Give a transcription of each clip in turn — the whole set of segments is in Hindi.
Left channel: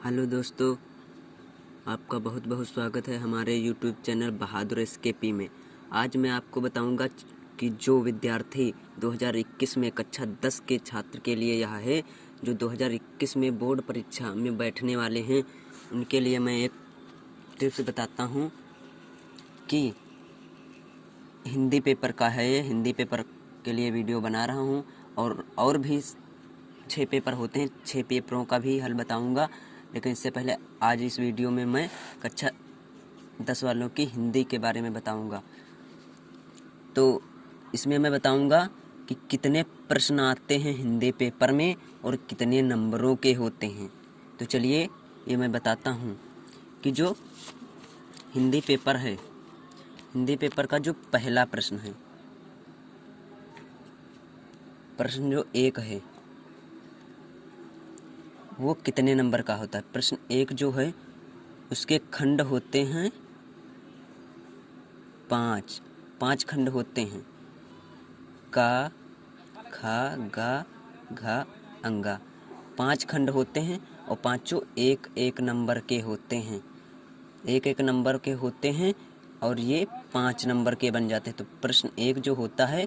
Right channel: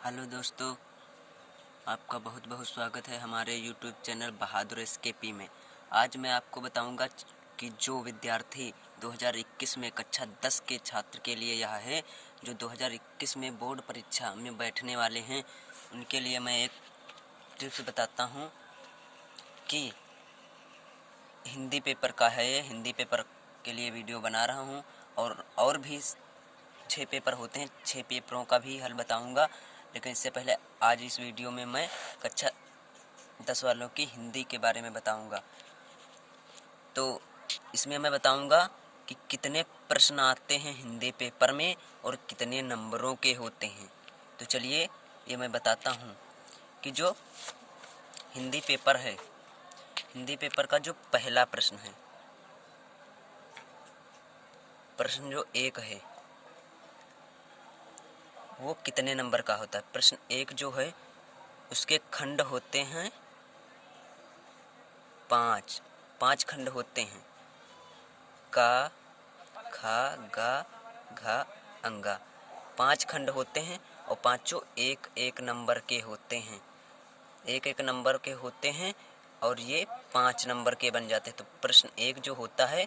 हेलो दोस्तों, आपका बहुत बहुत स्वागत है हमारे यूट्यूब चैनल बहादुर एसकेपी में। आज मैं आपको बताऊंगा कि जो विद्यार्थी 2021 में कक्षा 10 के छात्र के लिए यह है, जो 2021 में बोर्ड परीक्षा में बैठने वाले हैं, उनके लिए मैं एक टिप्स बताता हूं कि हिंदी पेपर का है। ये हिंदी पेपर के लिए वीडियो बना रहा हूं और भी 6 पेपर होते हैं। 6 पेपरों का भी हल बताऊंगा, लेकिन इससे पहले आज इस वीडियो में मैं कक्षा 10 वालों की हिंदी के बारे में बताऊंगा। तो इसमें मैं बताऊंगा कि कितने प्रश्न आते हैं हिंदी पेपर में और कितने नंबरों के होते हैं। तो चलिए ये मैं बताता हूं कि जो हिंदी पेपर है, हिंदी पेपर का जो पहला प्रश्न है, प्रश्न जो 1 है, वो कितने नंबर का होता है। प्रश्न 1 जो है उसके खंड होते हैं 5 खंड होते हैं। का, खा, गा, घा, अंगा। 5 खंड होते हैं और पांचों एक एक नंबर के होते हैं। एक एक नंबर के होते हैं और ये 5 नंबर के बन जाते हैं। तो प्रश्न 1 जो होता है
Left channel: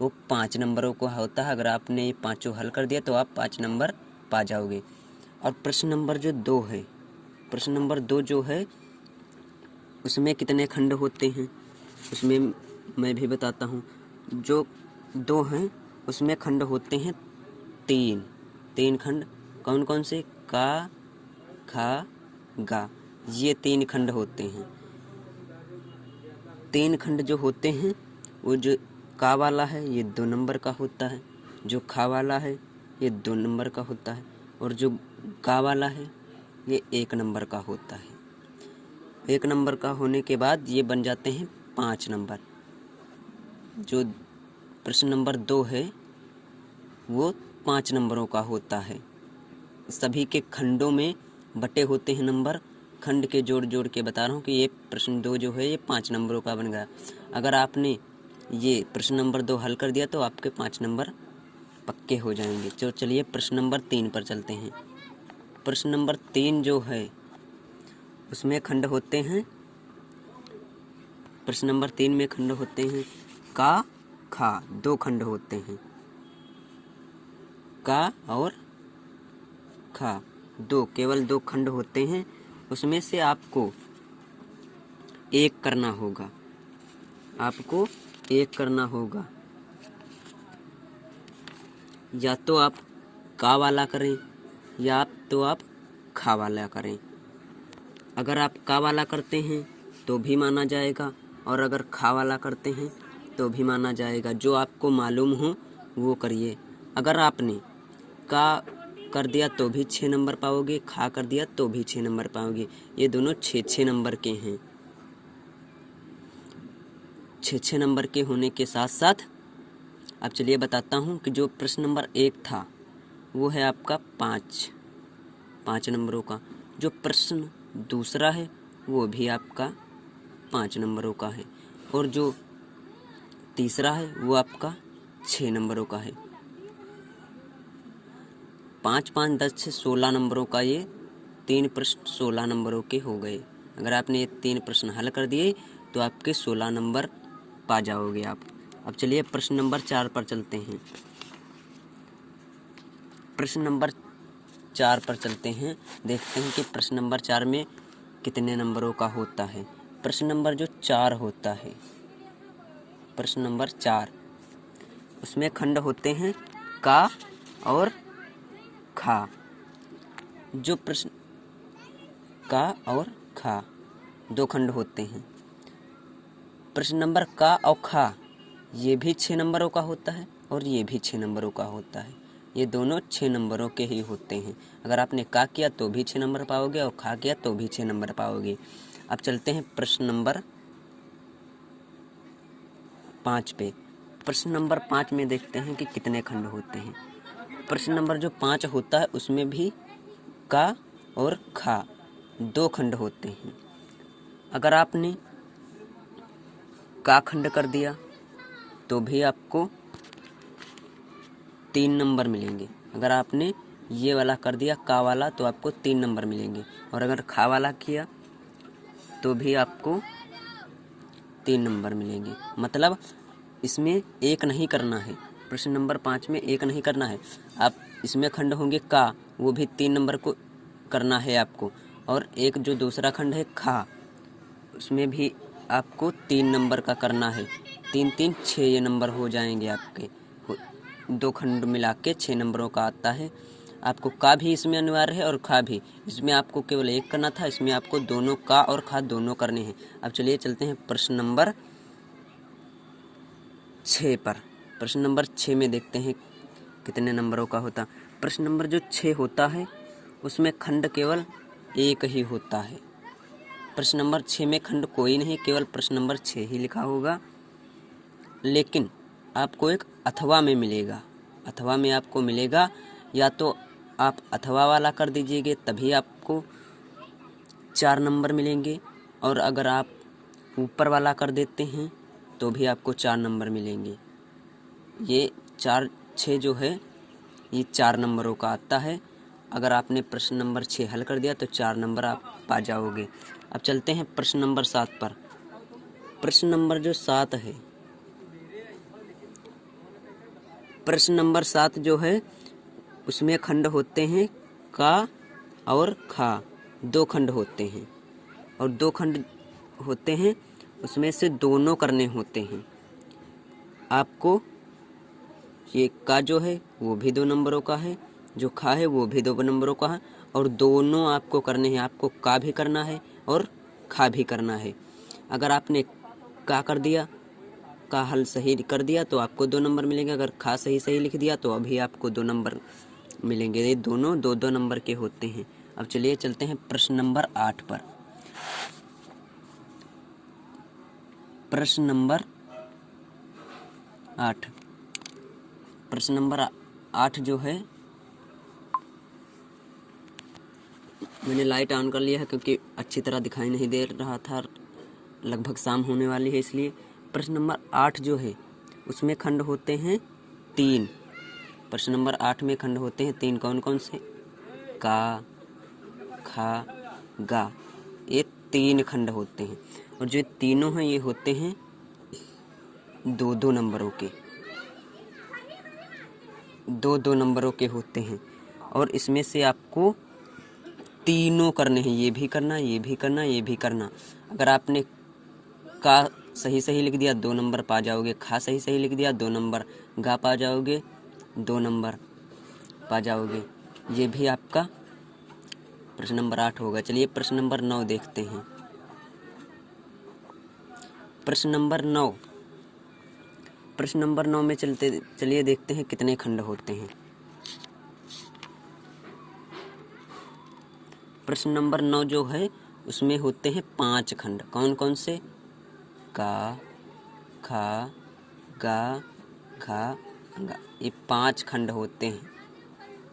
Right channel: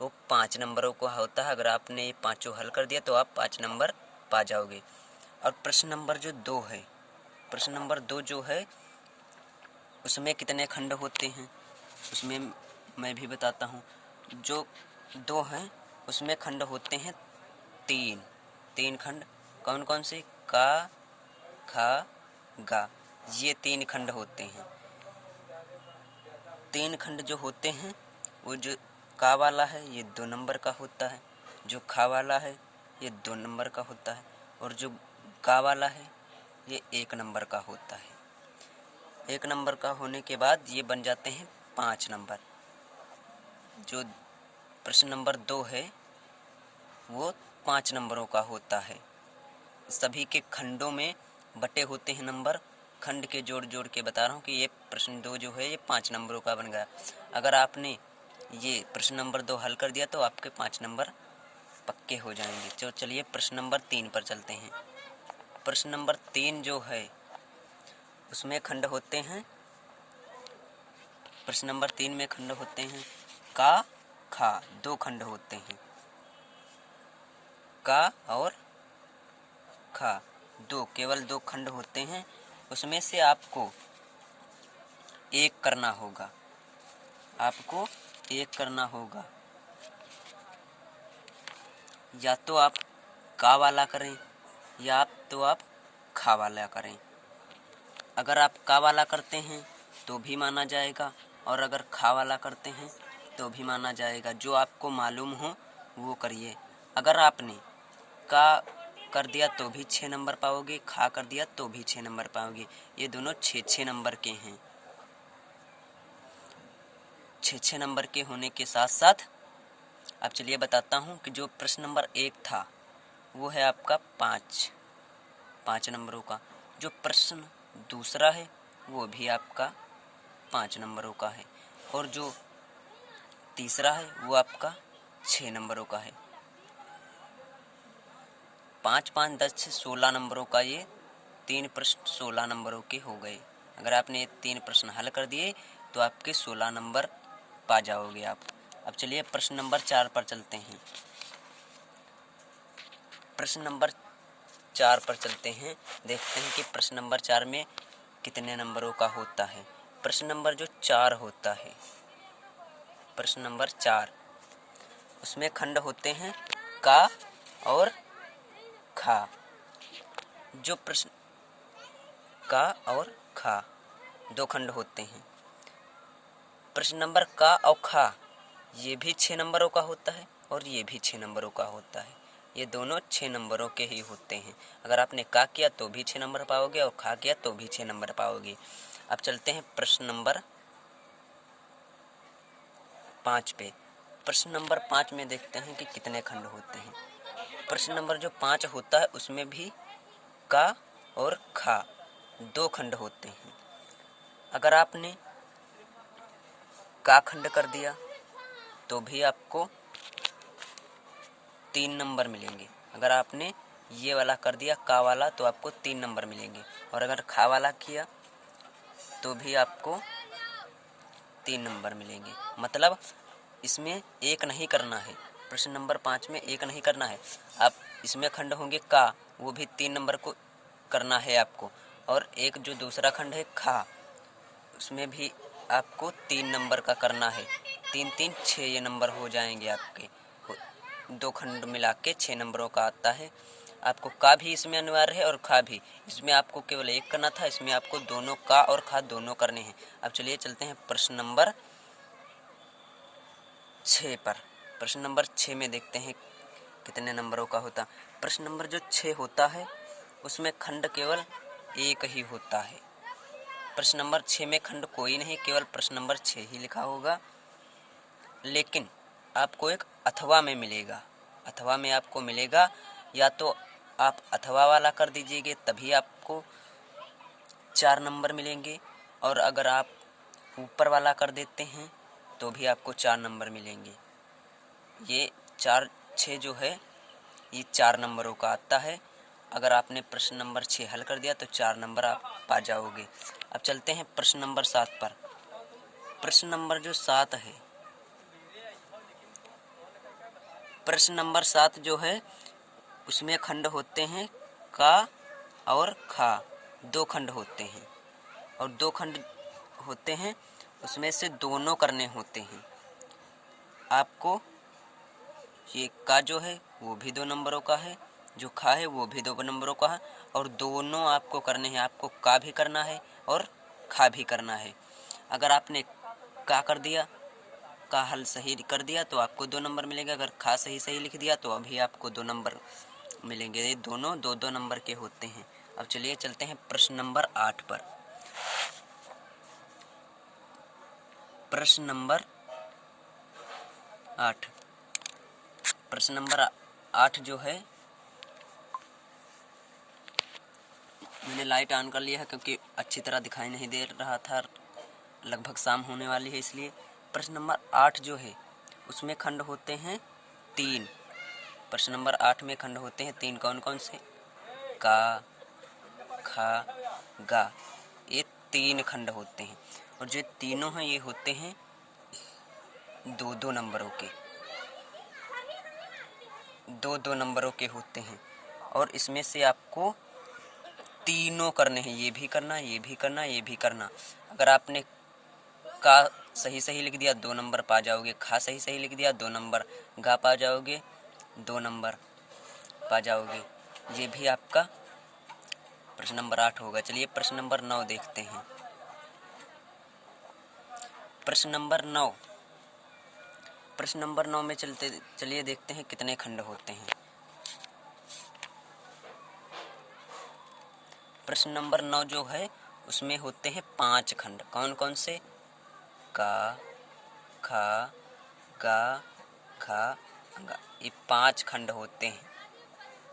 वो 5 नंबरों का होता है। अगर आपने ये पांचों हल कर दिया तो आप 5 नंबर पा जाओगे। और प्रश्न नंबर जो 2 है, प्रश्न नंबर 2 जो है उसमें कितने खंड होते हैं, उसमें मैं भी बताता हूँ। जो 2 हैं उसमें खंड होते हैं 3 खंड। कौन कौन से? का, खा, गा, ये 3 खंड होते हैं। 3 खंड जो होते हैं वो जो का वाला है ये 2 नंबर का होता है, जो खा वाला है ये 2 नंबर का होता है, और जो गा वाला है ये 1 नंबर का होता है। 1 नंबर का होने के बाद ये बन जाते हैं 5 नंबर। जो प्रश्न नंबर 2 है वो 5 नंबरों का होता है। सभी के खंडों में बटे होते हैं नंबर। खंड के जोड़ जोड़ के बता रहा हूँ कि ये प्रश्न 2 जो है ये 5 नंबरों का बन गया। अगर आपने ये प्रश्न नंबर 2 हल कर दिया तो आपके 5 नंबर पक्के हो जाएंगे। तो चलिए प्रश्न नंबर 3 पर चलते हैं। प्रश्न नंबर 3 जो है उसमें खंड होते हैं, प्रश्न नंबर 3 में खंड होते हैं का, खा, 2 खंड होते हैं। का और खा, केवल 2 खंड होते हैं। उसमें से आपको एक करना होगा, आपको एक करना होगा। या तो आप का वाला करें या तो आप खा वाला करें। अगर आप का वाला करते हैं तो भी माना जाएगा, और अगर खा वाला करते हैं तो भी माना जाएगा। जो आपको मालूम हो वो करिए। अगर आपने का कर दिया तो भी 6 नंबर पाओगे, खा कर दिया तो भी 6 नंबर पाओगे। ये दोनों 6 नंबर के हैं। 6 नंबर के होने के साथ साथ अब चलिए बताता हूँ कि जो प्रश्न नंबर 1 था वो है आपका 5 नंबरों का। जो प्रश्न दूसरा है वो भी आपका 5 नंबरों का है, और जो तीसरा है वो आपका 6 नंबरों का है। 5, 5, 10 से 16 नंबरों का ये 3 प्रश्न 16 नंबरों के हो गए। अगर आपने ये 3 प्रश्न हल कर दिए तो आपके 16 नंबर पा जाओगे आप। अब चलिए प्रश्न नंबर 4 पर चलते हैं। प्रश्न नंबर 4 पर चलते हैं, देखते हैं कि प्रश्न नंबर 4 में कितने नंबरों का होता है। प्रश्न नंबर जो 4 होता है, प्रश्न नंबर 4, उसमें खंड होते हैं का और खा। जो प्रश्न का और खा 2 खंड होते हैं। प्रश्न नंबर का और खा ये भी 6 नंबरों का होता है और ये भी 6 नंबरों का होता है। ये दोनों 6 नंबरों के ही होते हैं। अगर आपने का किया तो भी 6 नंबर पाओगे और खा किया तो भी 6 नंबर पाओगे। अब चलते हैं प्रश्न नंबर 5 पे। प्रश्न नंबर 5 में देखते हैं कि कितने खंड होते हैं। प्रश्न नंबर जो 5 होता है उसमें भी का और खा 2 खंड होते हैं। अगर आपने का खंड कर दिया तो भी आपको 3 नंबर मिलेंगे। अगर आपने ये वाला कर दिया का वाला तो आपको 3 नंबर मिलेंगे, और अगर खा वाला किया तो भी आपको 3 नंबर मिलेंगे। मतलब इसमें एक नहीं करना है, प्रश्न नंबर 5 में एक नहीं करना है। आप इसमें खंड होंगे का, वो भी 3 नंबर को करना है आपको, और एक जो दूसरा खंड है खा, उसमें भी आपको 3 नंबर का करना है। 3 3 6 ये नंबर हो जाएंगे आपके, 2 खंड मिला के 6 नंबरों का आता है। आपको का भी इसमें अनिवार्य है और खा भी, इसमें आपको केवल एक करना था, इसमें आपको दोनों का और खा दोनों करने हैं। अब चलिए चलते हैं प्रश्न नंबर 6 पर। प्रश्न नंबर 6 में देखते हैं कितने नंबरों का होता। प्रश्न नंबर जो 6 होता है उसमें खंड केवल एक ही होता है। प्रश्न नंबर 6 में खंड कोई नहीं, केवल प्रश्न नंबर 6 ही लिखा होगा। लेकिन आपको एक अथवा में मिलेगा, अथवा में आपको मिलेगा, या तो आप अथवा वाला कर दीजिएगा तभी आपको 4 नंबर मिलेंगे, और अगर आप ऊपर वाला कर देते हैं तो भी आपको 4 नंबर मिलेंगे। ये 4 6 जो है ये 4 नंबरों का आता है। अगर आपने प्रश्न नंबर 6 हल कर दिया तो 4 नंबर आप पा जाओगे। अब चलते हैं प्रश्न नंबर 7 पर। प्रश्न नंबर जो 7 है, प्रश्न नंबर 7 जो है उसमें खंड होते हैं का और खा, 2 खंड होते हैं, और 2 खंड होते हैं उसमें से दोनों करने होते हैं। आपको ये का जो है वो भी 2 नंबरों का है, जो खा है वो भी 2 नंबरों का है, और दोनों आपको करने हैं। आपको का भी करना है और खा भी करना है। अगर आपने का कर दिया, का हल सही कर दिया तो आपको 2 नंबर मिलेंगे। अगर खा सही लिख दिया तो अभी आपको 2 नंबर मिलेंगे। ये दोनों 2 नंबर के होते हैं। अब चलिए चलते हैं प्रश्न नंबर 8 पर। प्रश्न नंबर 8, प्रश्न नंबर 8 जो है, मैंने लाइट ऑन कर लिया है क्योंकि अच्छी तरह दिखाई नहीं दे रहा था, लगभग शाम होने वाली है इसलिए। प्रश्न नंबर 8 जो है उसमें खंड होते हैं 3। प्रश्न नंबर 8 में खंड होते हैं 3, कौन कौन से? का, खा, गा, ये 3 खंड होते हैं, और जो तीनों हैं ये होते हैं 2 नंबरों के, 2 नंबरों के होते हैं, और इसमें से आपको तीनों करने हैं। ये भी करना, ये भी करना, ये भी करना। अगर आपने का सही लिख दिया 2 नंबर पा जाओगे, खा सही लिख दिया 2 नंबर, गा पा जाओगे 2 नंबर पा जाओगे। ये भी आपका प्रश्न नंबर 8 होगा। चलिए प्रश्न नंबर 9 देखते हैं। प्रश्न नंबर 9, प्रश्न नंबर 9 में चलिए देखते हैं कितने खंड होते हैं। प्रश्न नंबर 9 जो है उसमें होते हैं 5 खंड, कौन कौन से? का, खा, गा, घा, गा, ये 5 खंड होते हैं।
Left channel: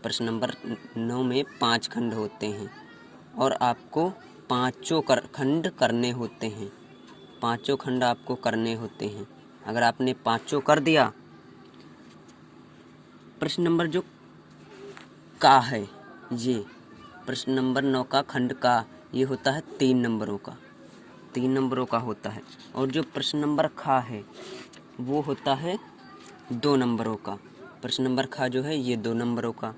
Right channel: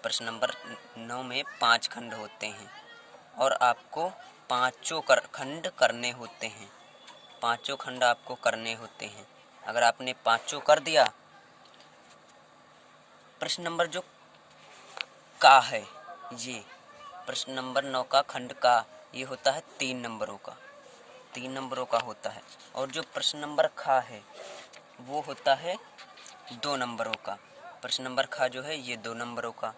प्रश्न नंबर 9 में 5 खंड होते हैं, और आपको 5 खंड करने होते हैं। 5 खंड आपको करने होते हैं। अगर आपने 5 कर दिया, प्रश्न नंबर जो का है, ये प्रश्न नंबर 9 का खंड का ये होता है 3 नंबरों का, 3 नंबरों का होता है। और जो प्रश्न नंबर खा है वो होता है 2 नंबरों का। प्रश्न नंबर खा जो है ये 2 नंबरों का,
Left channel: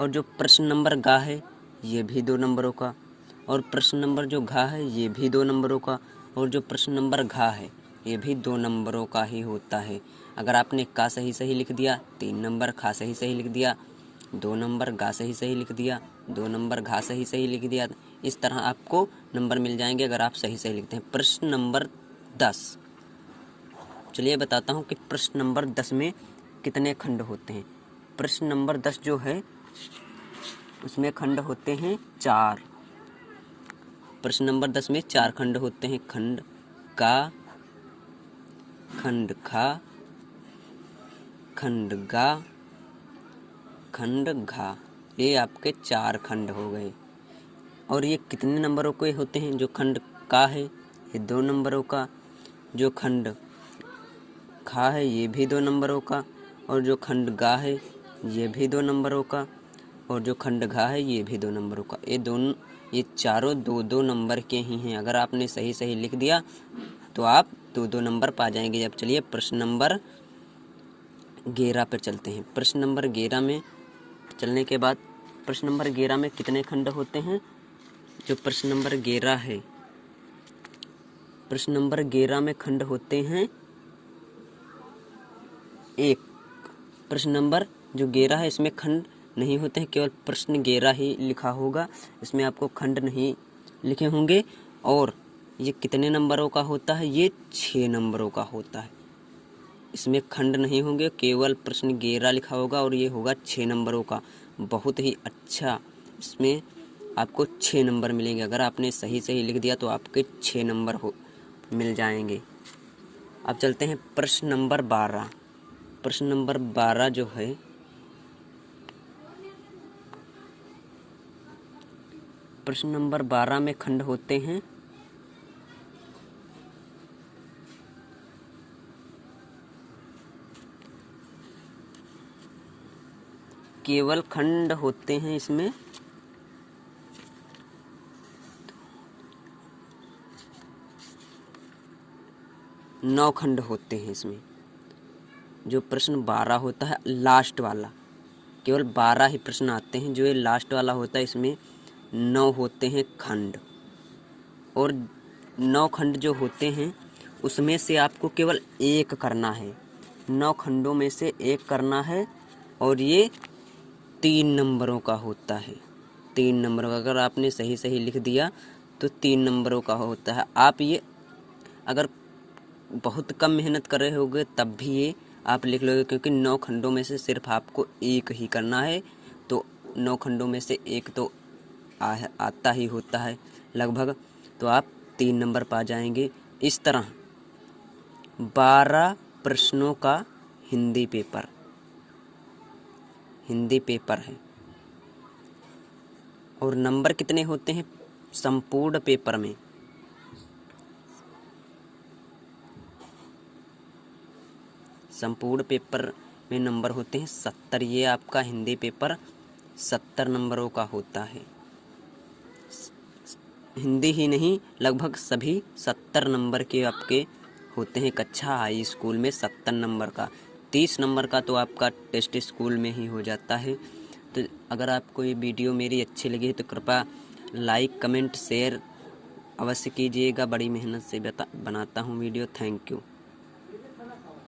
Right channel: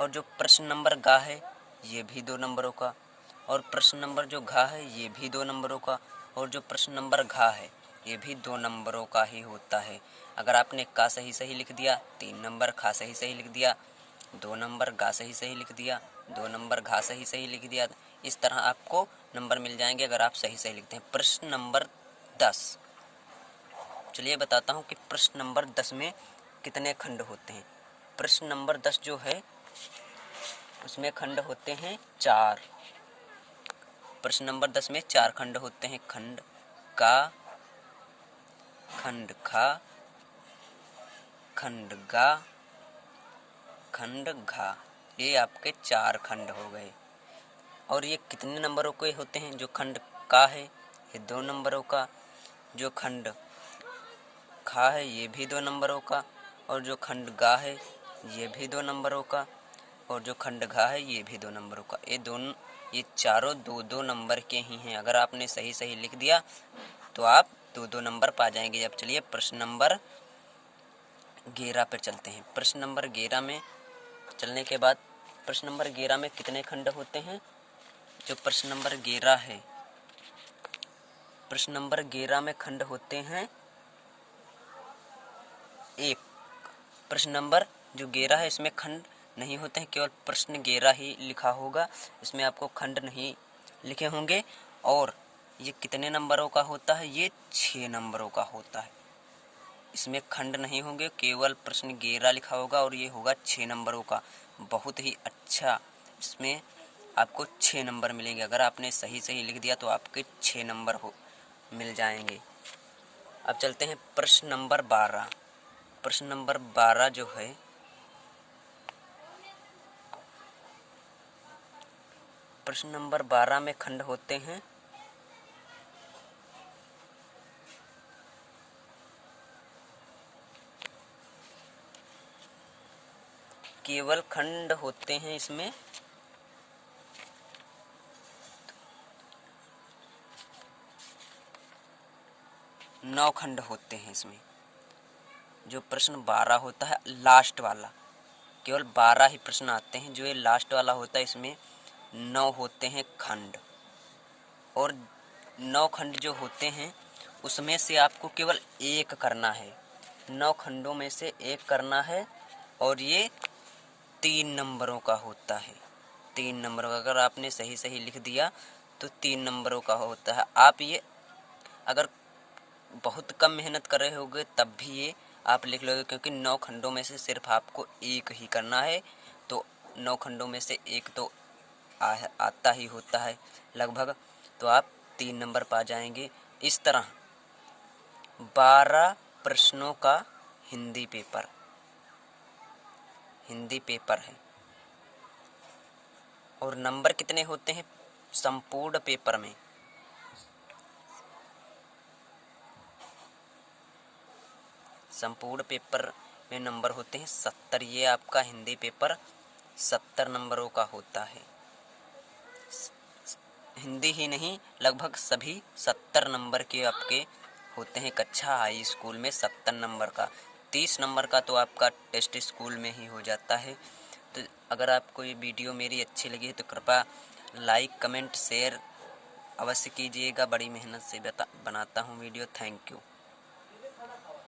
और जो प्रश्न नंबर गा है ये भी 2 नंबरों का, और प्रश्न नंबर जो घा है ये भी 2 नंबरों का, और जो प्रश्न नंबर घा है ये भी 2 नंबरों का ही होता है। अगर आपने का सही लिख दिया 3 नंबर, खा सही लिख दिया 2 नंबर, गा सही लिख दिया 2 नंबर, घा सही लिख दिया, इस तरह आपको नंबर मिल जाएंगे अगर आप सही लिखते हैं। प्रश्न नंबर 10, चलिए बताता हूँ कि प्रश्न नंबर 10 में कितने खंड होते हैं। प्रश्न नंबर 10 जो है उसमें खंड होते हैं 4। प्रश्न नंबर 10 में 4 खंड होते हैं। खंड का, खंड खा, खंड गा, खंड घा, ये आपके 4 खंड हो गए। और ये कितने नंबरों के होते हैं? जो खंड का है ये 2 नंबरों का, जो खंड खा है ये भी 2 नंबरों का, और जो खंड गा है ये भी 2 नंबरों का, और जो खंड घा है ये भी 2 नंबरों का। ये चारों 2-2 नंबर के ही हैं। अगर आपने सही सही लिख दिया तो आप 2-2 नंबर पा जाएंगे। अब चलिए प्रश्न नंबर 11 पर चलते हैं। प्रश्न नंबर 11 में चलने के बाद प्रश्न नंबर 11 में कितने खंड होते हैं? जो प्रश्न नंबर 11 है, प्रश्न नंबर 11 में खंड होते हैं 1। प्रश्न नंबर जो 11 है इसमें खंड नहीं होते हैं, केवल प्रश्न 11 ही लिखा होगा, इसमें आपको खंड नहीं लिखे होंगे। और ये कितने नंबरों का होता है? ये 6 नंबरों का होता है। इसमें खंड नहीं होंगे, केवल प्रश्न 11 लिखा होगा और ये होगा 6 नंबरों का। बहुत ही अच्छा, इसमें आपको 6 नंबर मिलेंगे। अगर आपने सही सही लिख दिया तो आपके 6 नंबर मिल जाएंगे। अब चलते हैं प्रश्न नंबर 12। प्रश्न नंबर 12 जो है, प्रश्न नंबर 12 में खंड होते हैं 9 खंड होते हैं इसमें। जो प्रश्न 12 होता है लास्ट वाला, केवल 12 ही प्रश्न आते हैं। जो ये लास्ट वाला होता है इसमें 9 होते हैं खंड। और 9 खंड जो होते हैं उसमें से आपको केवल 1 करना है। 9 खंडों में से 1 करना है और ये 3 नंबरों का होता है। 3 नंबरों का, अगर आपने सही सही लिख दिया तो 3 नंबरों का होता है। आप ये अगर बहुत कम मेहनत कर रहे होगे तब भी ये आप लिख लोगे, क्योंकि 9 खंडों में से सिर्फ आपको 1 ही करना है। तो 9 खंडों में से 1 तो आता ही होता है लगभग, तो आप 3 नंबर पा जाएंगे। इस तरह 12 प्रश्नों का हिंदी पेपर है। और नंबर कितने होते हैं संपूर्ण पेपर में? संपूर्ण पेपर में नंबर होते हैं 70। ये आपका हिंदी पेपर 70 नंबरों का होता है। हिंदी ही नहीं, लगभग सभी 70 नंबर के आपके होते हैं। कक्षा हाई स्कूल में 70 नंबर का। 30 नंबर का तो आपका टेस्ट स्कूल में ही हो जाता है। तो अगर आपको ये वीडियो मेरी अच्छी लगी तो कृपया लाइक, कमेंट, शेयर अवश्य कीजिएगा। बड़ी मेहनत से बनाता हूँ वीडियो। Thank you.